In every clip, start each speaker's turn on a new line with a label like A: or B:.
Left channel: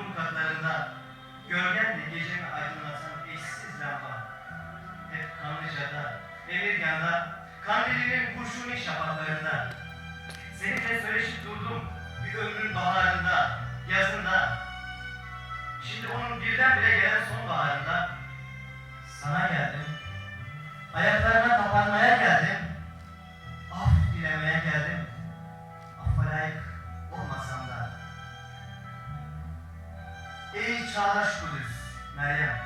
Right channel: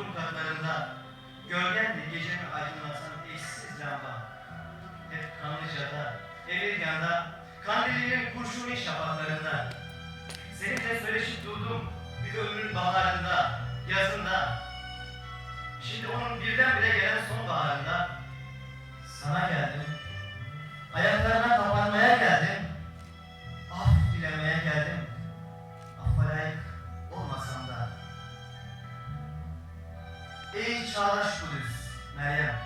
A: bodrum katlarında gölgenle gecemi aydınlatan eşsiz lamba. Hep Kanlıca'da, Emirgan'da, Kandilli'nin kurşuni şafaklarında. Seninle söyleşip durdum bir ömrün baharında, yazında. Şimdi onun birdenbire gelen sonbaharında sana geldim. Ayaklarına Ey çağdaş Kudüs, Meryem.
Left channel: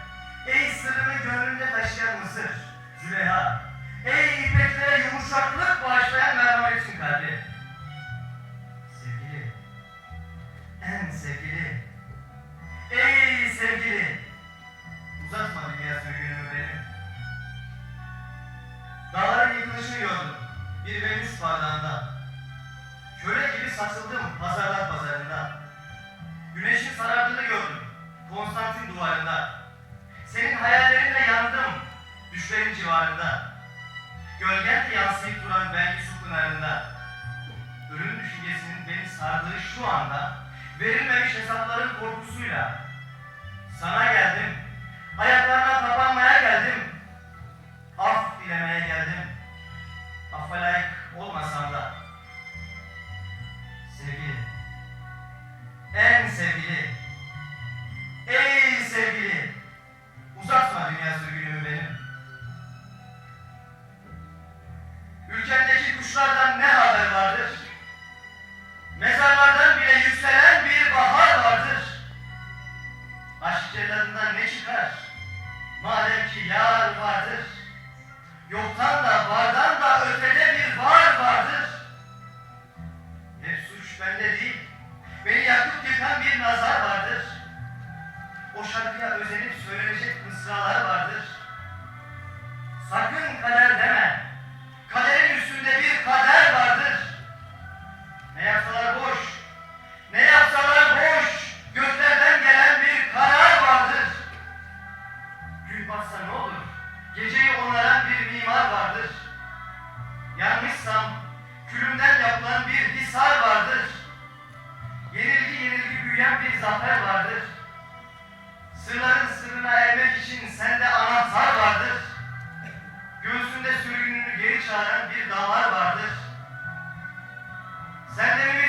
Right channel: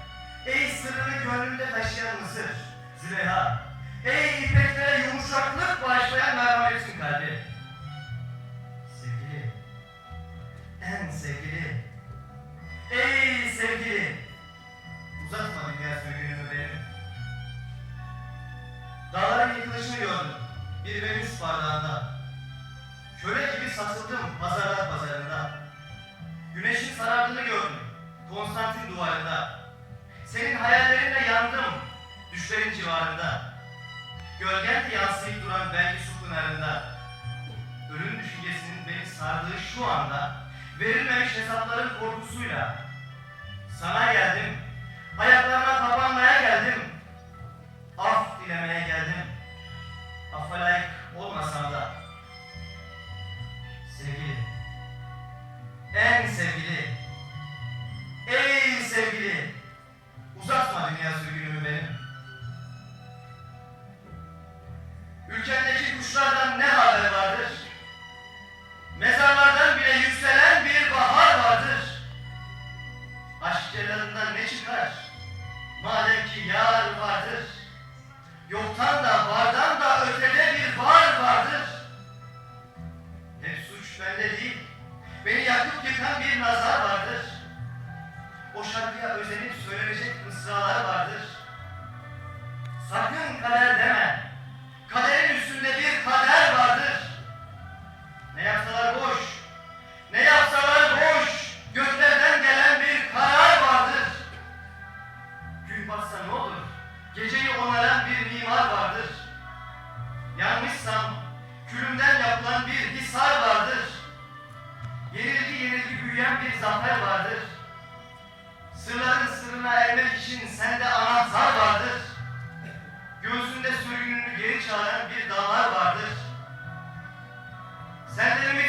A: Ey sırrını gönlünde taşıyan Mısır, Züleyha. Ey ipeklere yumuşaklık bağışlayan merhametin kalbi. Sevgili, en sevgili, ey sevgili. Uzatma dünya sürgünümü benim. Dağların yıkılışını gördüm bir Venüs bardağında. Köle gibi sarsıldım pazarlar pazarında. Düşlerin civarında. Gölgen de yansıyıp duran belki su pınarında. Ölüm düşüncesinin beni sardığı şu anda verilmemiş hesapların korkusuyla sana geldim. Ayaklarına kapanmaya geldim. Af dilemeye geldim. Affa layık olmasam da. Sevgili. En sevgili. Ey sevgili. Uzatma dünya sürgünümü Aşk celladından ne çıkar? Madem ki yar vardır. Yoktan da vardan da ötede bir var vardır. Hep suç bende değil. Beni yakıp yıkan bir nazar vardır. O şarkıya özenip söylenecek mısralar vardır. Sakın kader deme. Kaderin Batsa ne olur? Geceyi onaran bir mimar vardır. Yanmışsam külümden yapılan bir hisar vardır. Yenilgi yenilgi büyüyen bir zafer vardır. Sırların sırrına ermek için sende anahtar vardır. Göğsünde sürgününü geri çağıran bir damar vardır. Senden ümit